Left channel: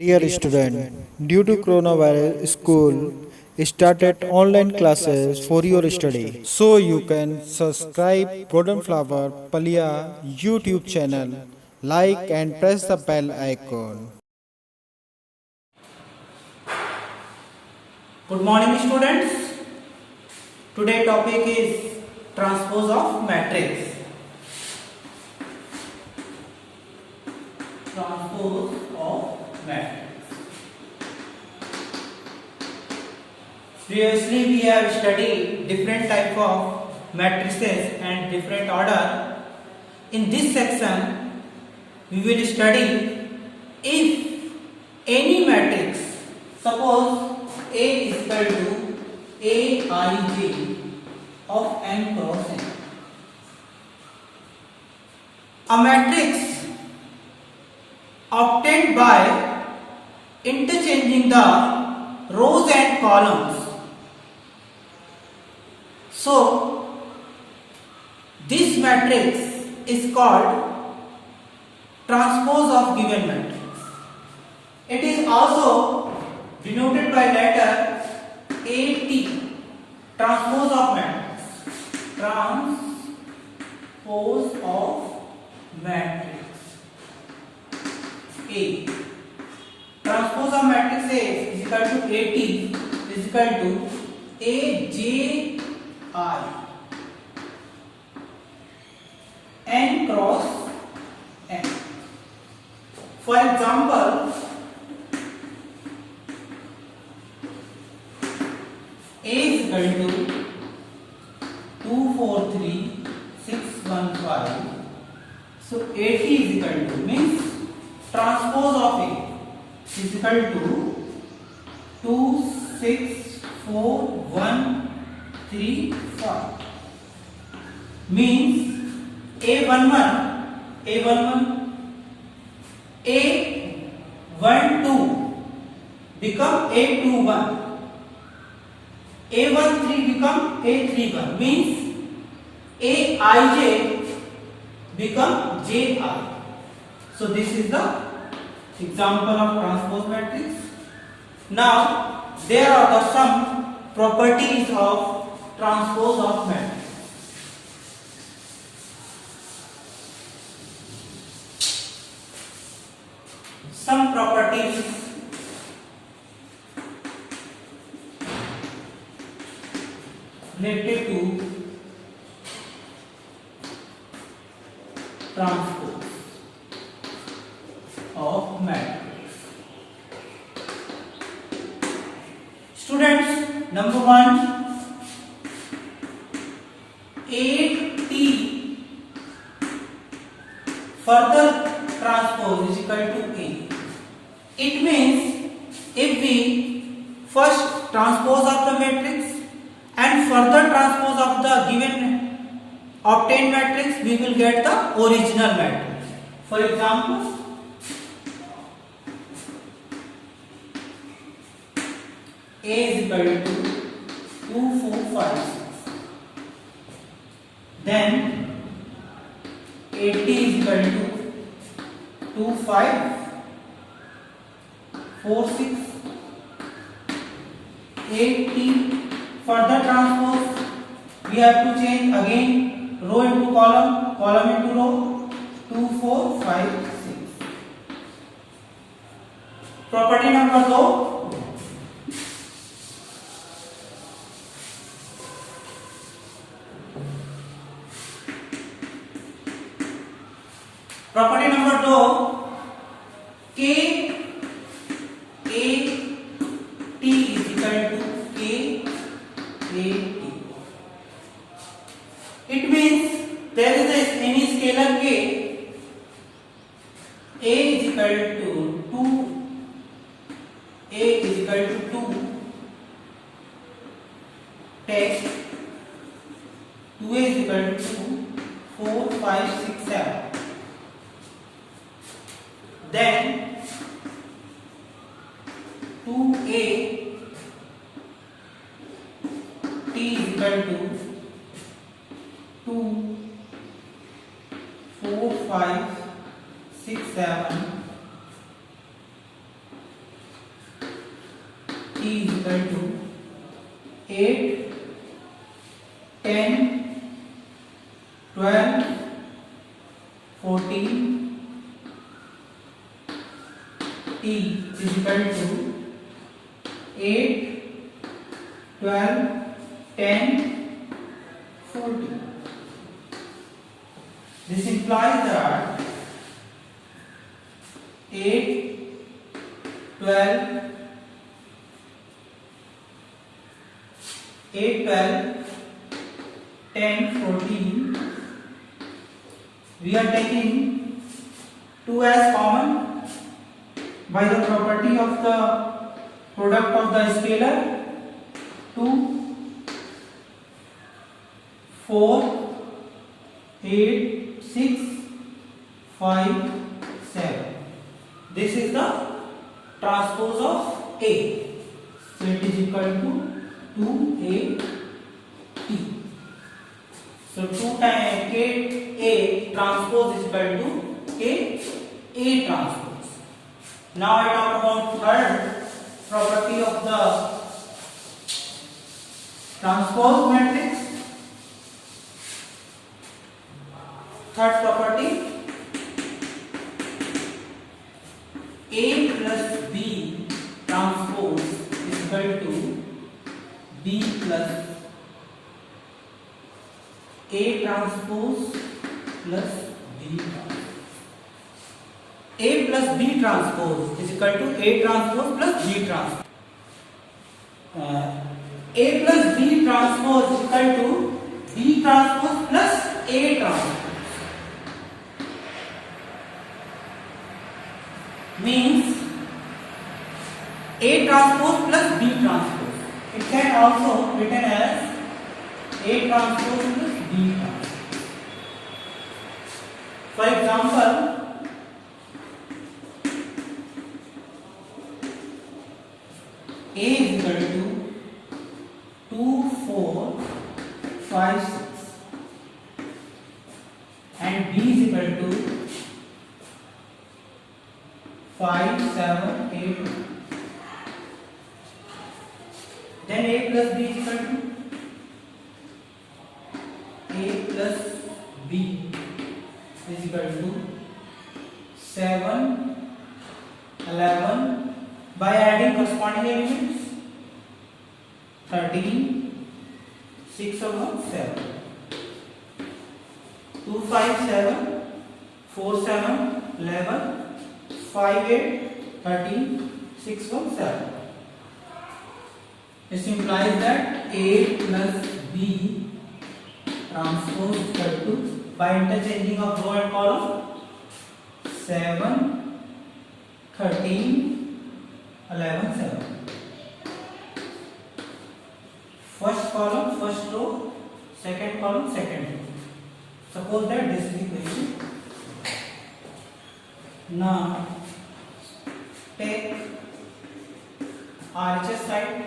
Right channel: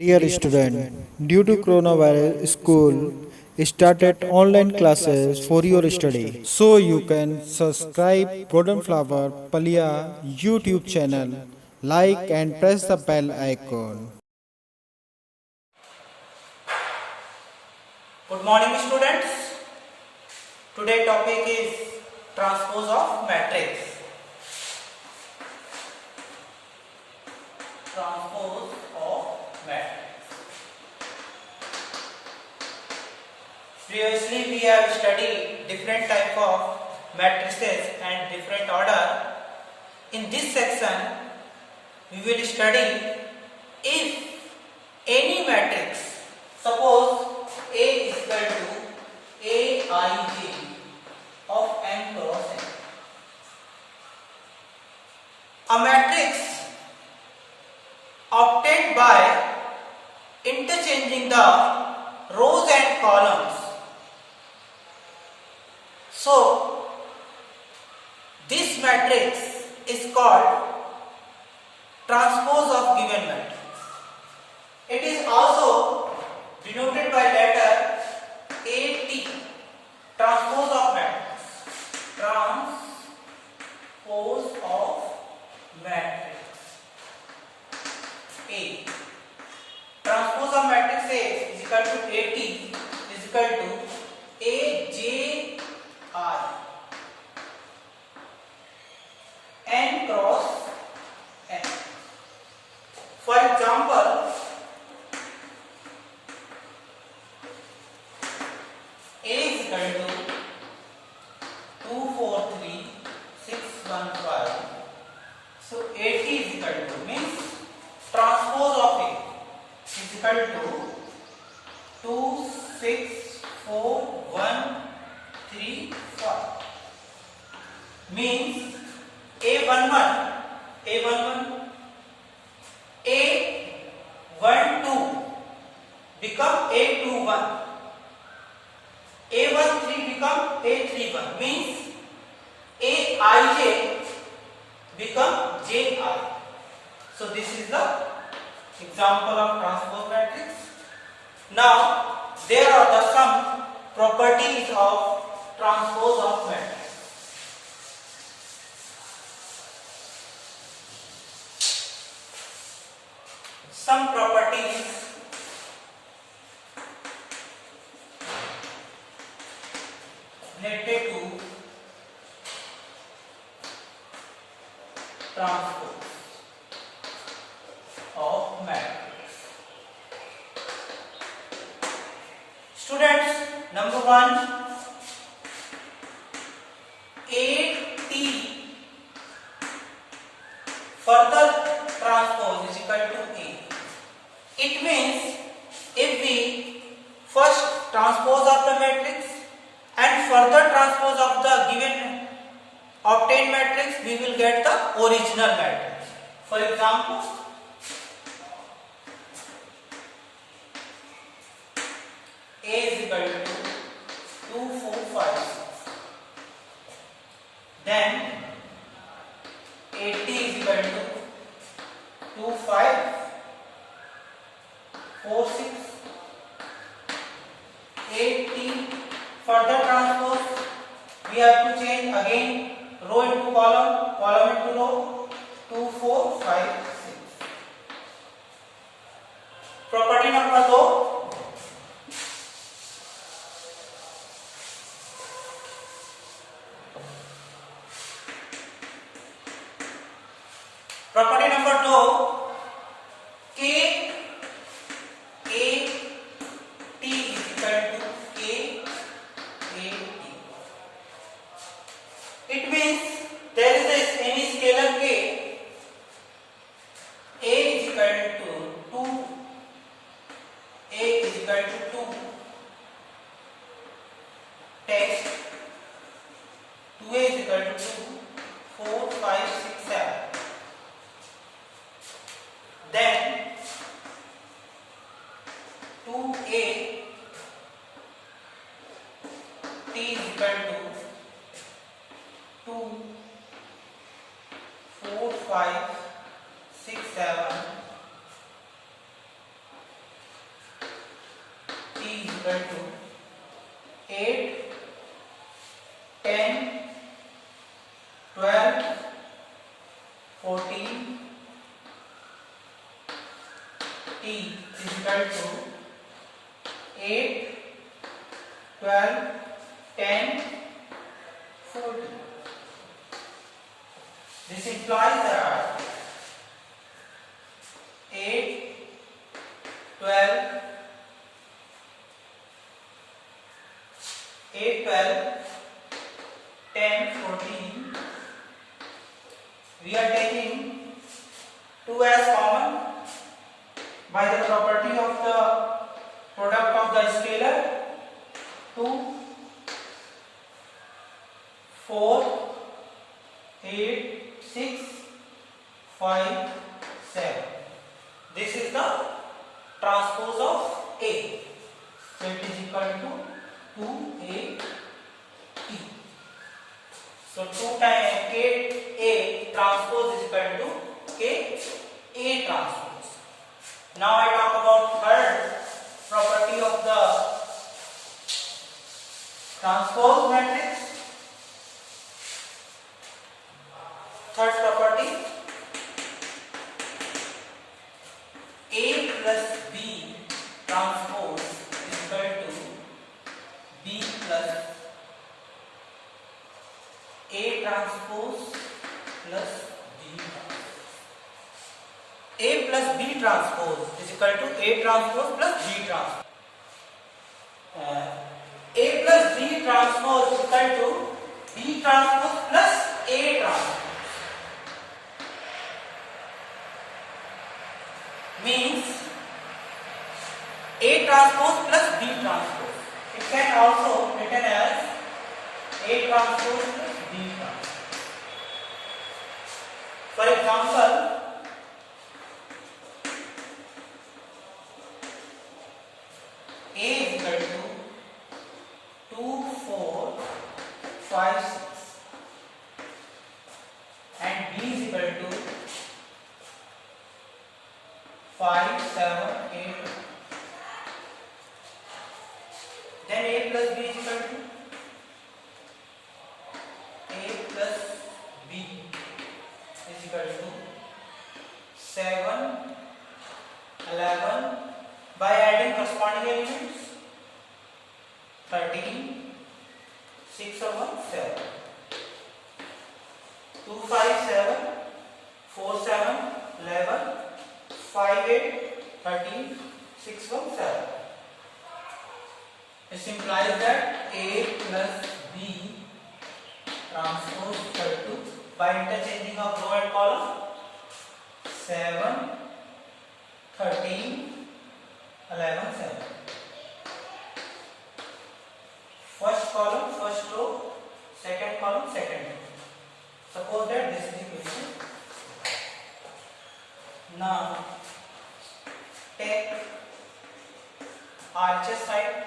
Dear student, due to coronavirus, school started online classes for your study. So you can subscribe Golden Flower Palia YouTube channel, like and press the bell icon. Good morning students. Today topic is transpose of matrix. Transpose of matrix. Previously we have studied different type of matrices and different order. In this section we will study if any matrix, suppose A is equal to Aij of m cross n. A matrix obtained by interchanging the rows and columns. So, this matrix is called transpose of given matrix. It is also denoted by letter AT, transpose of matrix. Transpose of matrix A. Transpose of matrix A is equal to AT is equal to AJI n cross n. For example, A is equal to 243615. So AT is equal to means transpose of A is equal to 264,135 means A11 A12 become A21, A13 become A31 means Aij become Ji. So this is the example of transpose matrix. Now there are the some properties of transpose of matrix. Some properties related to transpose of matrix. Students, number 1, AT further transpose is equal to A. It means if we first transpose of the matrix and further transpose of the given obtained matrix, we will get the original matrix. For example, A is equal to 2, 4, 5, 6. Then AT is equal to 2, 5, 4, 6. AT further transpose, we have to change again row into column, column into row. 2, 4, 5, 6. Property number 2. Property number 2, K A T is equal to K A T. It means there is any scalar K. A is equal to 2. A is equal to 2. Text 2A is equal to 2, 4, 5, 6, 7. Then 2A T is equal to 2, 4, 5, 6, 7. T is equal to 8, 10, 12, 14. T is equal to 8, 12, 10, 14. This implies that 8, 12, 10, 14. We are taking 2 as common by the property of the product of the scalar. 2, 4, 8, 6, 5, 7. This is the transpose of A. So it is equal to 2A T. So 2 times 8A transpose is equal to A transpose. Now I talk about third property of the transpose matrix. Third property, A plus B transpose is equal to B plus A transpose plus B transpose. A plus B transpose is equal to A transpose plus B transpose. A plus B transpose is equal to B transpose plus A transpose. Means A transpose plus B transpose. It can also written as A transpose plus B transpose. For example, A is equal to 2, 4, 5, 6 and B is equal to 5, 7, 8. Then A plus B is equal to A plus B is equal to 7, 11 by adding corresponding elements 13, 6 over 7, 2, 5, 7, 4, 7, 11, 5, 8, 13, 6, 1, 7. This implies that A plus B transpose is equal to, by interchanging of row and column, 7, 13, 11, 7. First column, first row, second column, second row. Suppose that this is the question. Now, take RHS side,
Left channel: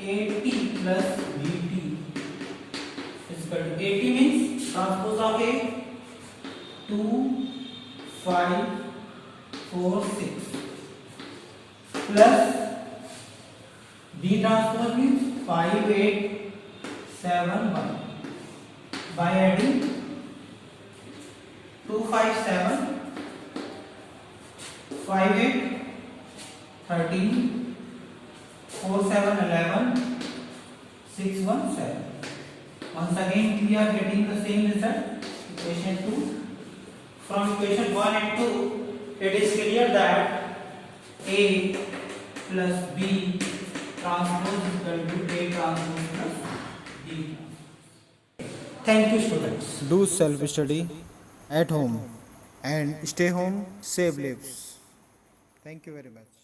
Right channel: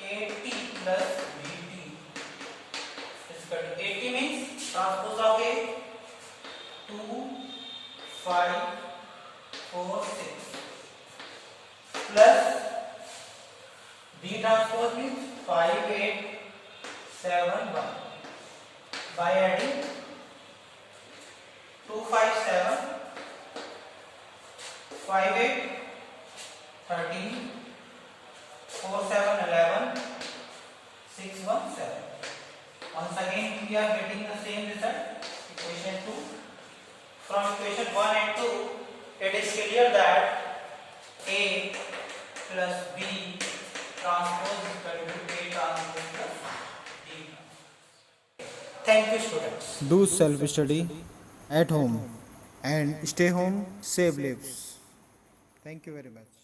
AT plus BT is equal to, AT means transpose of A, 2, 5, 4, 6 plus B transpose means 5, 8, 7, 1 by adding 2, 5, 7, 5, 8, 13, 4, 7, 11, 6, 1, 7. Once again we are getting the same result, equation 2. From equation 1 and 2, it is clear that A plus B transpose is equal to A transpose plus B transpose. Thank you, students. Do self study at home and stay home, save lives. Thank you very much.